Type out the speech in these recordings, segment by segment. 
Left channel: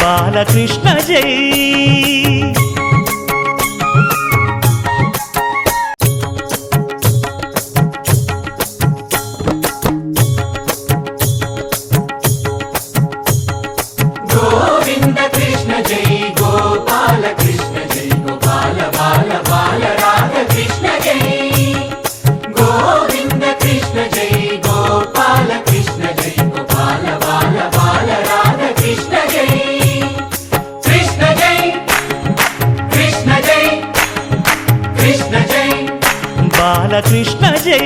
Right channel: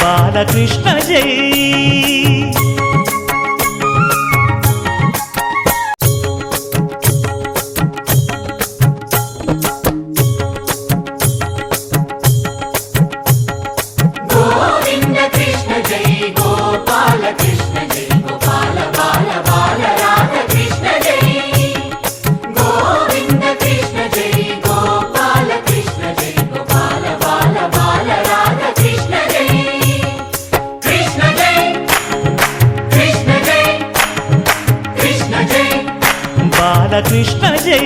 బాలకృష్ణ జై బాలకృష్ణ జై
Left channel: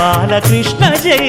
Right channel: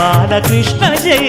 బాలకృష్ణ జై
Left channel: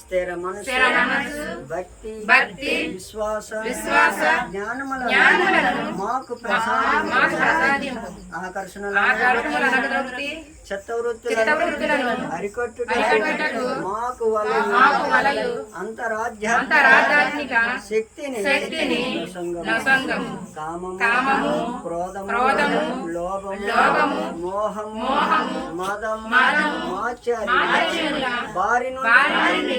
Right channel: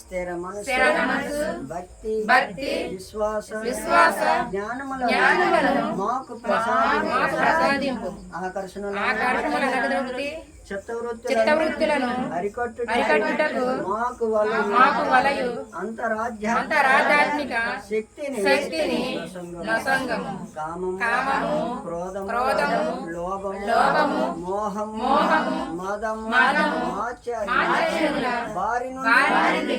స్థిర మనసు భక్తి విశ్వాస జ్ఞానములను మాకు ప్రసాదింపు ఆకర్షణలు చిత్తవృత్తులను అరికట్టుటకు మాకు వలయు అంతరాధ్యాత్మిక శక్తిని నొసంగము కామము క్రోధము లోభము మోహము మదము మాత్సర్యముల బారి నుండి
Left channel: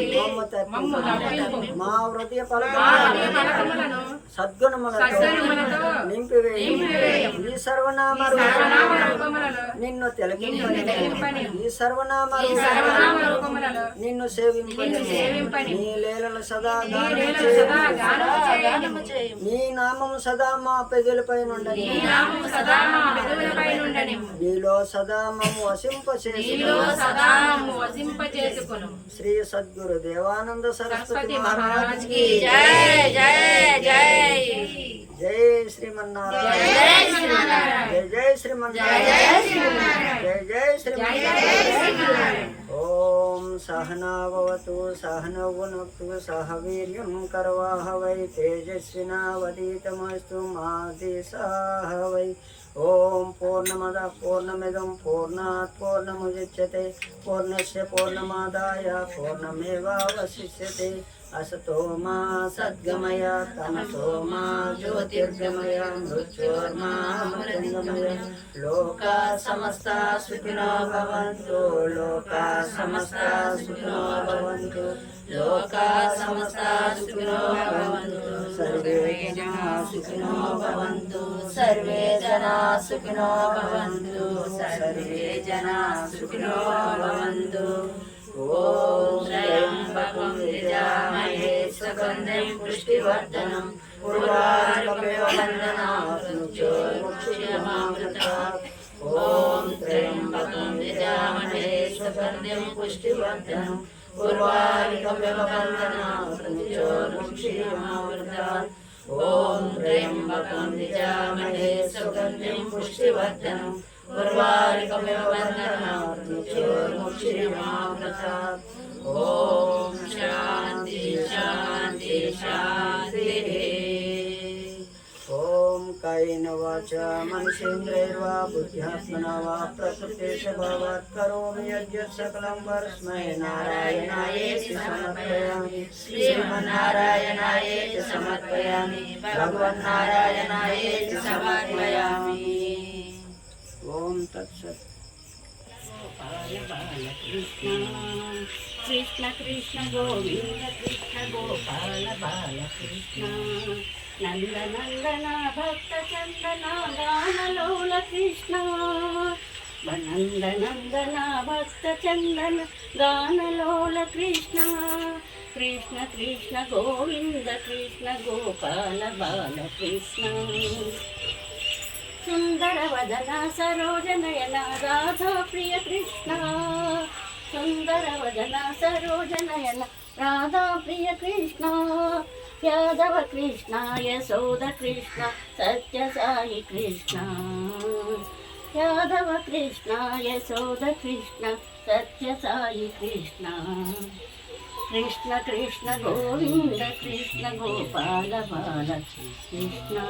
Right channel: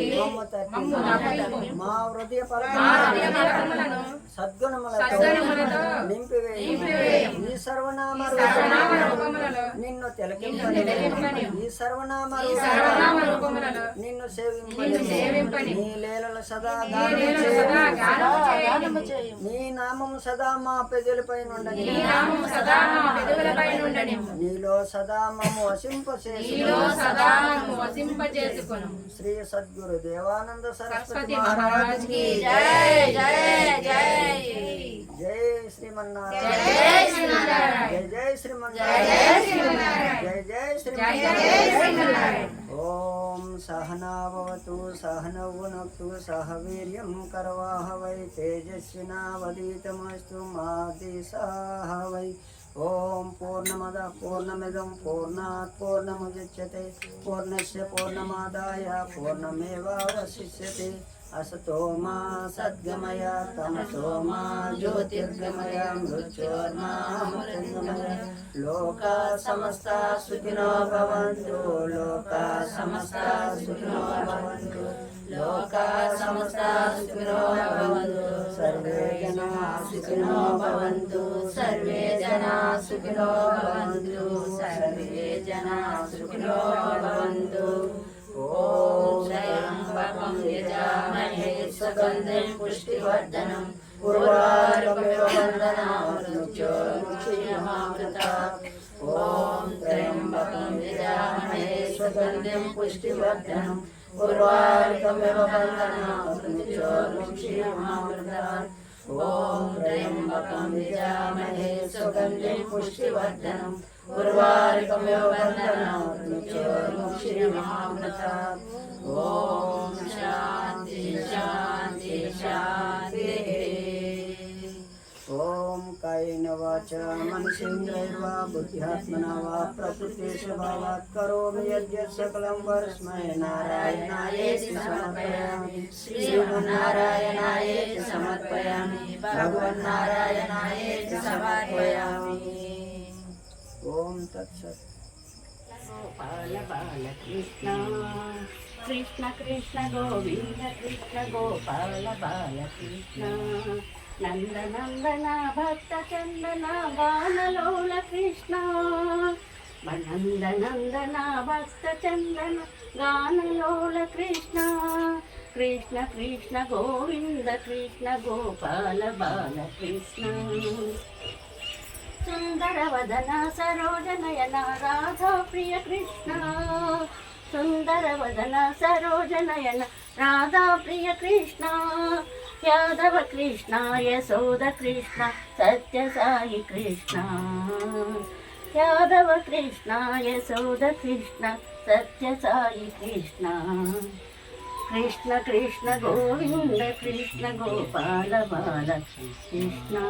మా హృదయ ఫలములను సద్గుణములతో నింపివేయు ఈ సర్వనామ నిన్ను తిలకించు ఈ సర్వనామ నిన్ను సేవింపని నీ లీలలు సదా నీ నామము సదా మా పెదవులపై నుండని నీలో సదా మమ్ము వసింపచేసుకొను శ్రీ సద్గురు దేవానంద సరస్వతి మహారాజ్ కి జై శ్రీమన్నారాయణ జై శ్రీమన్నారాయణ జై శ్రీమన్నారాయణ ఓం సహనావతు సహనౌ భునక్తు సహ వీర్యం కరవాహవై తేజస్వినావధీతమస్తు మా దిశాహవై ఓం పూర్ణమద పూర్ణమిదం పూర్ణాత్ పూర్ణముదచ్యతే పూర్ణస్య పూర్ణమాదాయ పూర్ణమేవావశిష్యతే असतो मा सद्गमय तमसो मा ज्योतिर्गमय मृत्योर्मा मृत्युर्गमय लोका समस्ता सुखिनो भवन्तु लोका समस्ता सुखिनो भवन्तु लोका समस्ता सुखिनो भवन्तु सर्वे जनाः सुखिनो भवन्तु सर्वे जनाः सुखिनो भवन्तु सर्वे जनाः सुखिनो भवन्तु ओम त्र्यंबकं यजामहे सुगन्धिं पुष्टिवर्धनम् उर्वारुकमिव बन्धनात् मृत्योर्मुक्षीयमामृतात् ओम त्र्यंबकं यजामहे सुगन्धिं पुष्टिवर्धनम् उर्वारुकमिव बन्धनात् मृत्योर्मुक्षीयमामृतात् ओम त्र्यंबकं यजामहे सुगन्धिं पुष्टिवर्धनम् उर्वारुकमिव बन्धनात् मृत्योर्मुक्षीयमामृतात् ओम शांति शांति शांति ओम कायेन वाचा मनसेन्द्रियैर्वा बुद्ध्यात्मना वा प्रकृते स्वभावात् करोमि यद्यत् सकलं परस्मै नारायणायेति समर्पयामि श्रीमन्नारायणायेति समर्पयामि भगवन्नारायणायेति समर्पयामि ओम तत्सत् गोपाल बाल कृष्ण कृष्ण कृष्ण गोविंद कृष्ण गोपाल बाल कृष्ण नंद नंदन भक्त चंदन गानलोल कृष्ण नंद नंदन भक्त चंदन गानलोल कृष्ण कृष्ण कृष्ण गोविंद कृष्ण गोपाल बाल कृष्ण सुंदर वदन सरोज नयन राधा प्रिय कृष्ण सुंदर वदन सरोज नयन राधा प्रिय कृष्ण यादव कृष्ण यशोद कृष्ण सत्य साई कृष्ण यादव कृष्ण यशोद कृष्ण सत्य साई कृष्ण कृष्ण कृष्ण गोविंद कृष्ण गोपाल बाल कृष्ण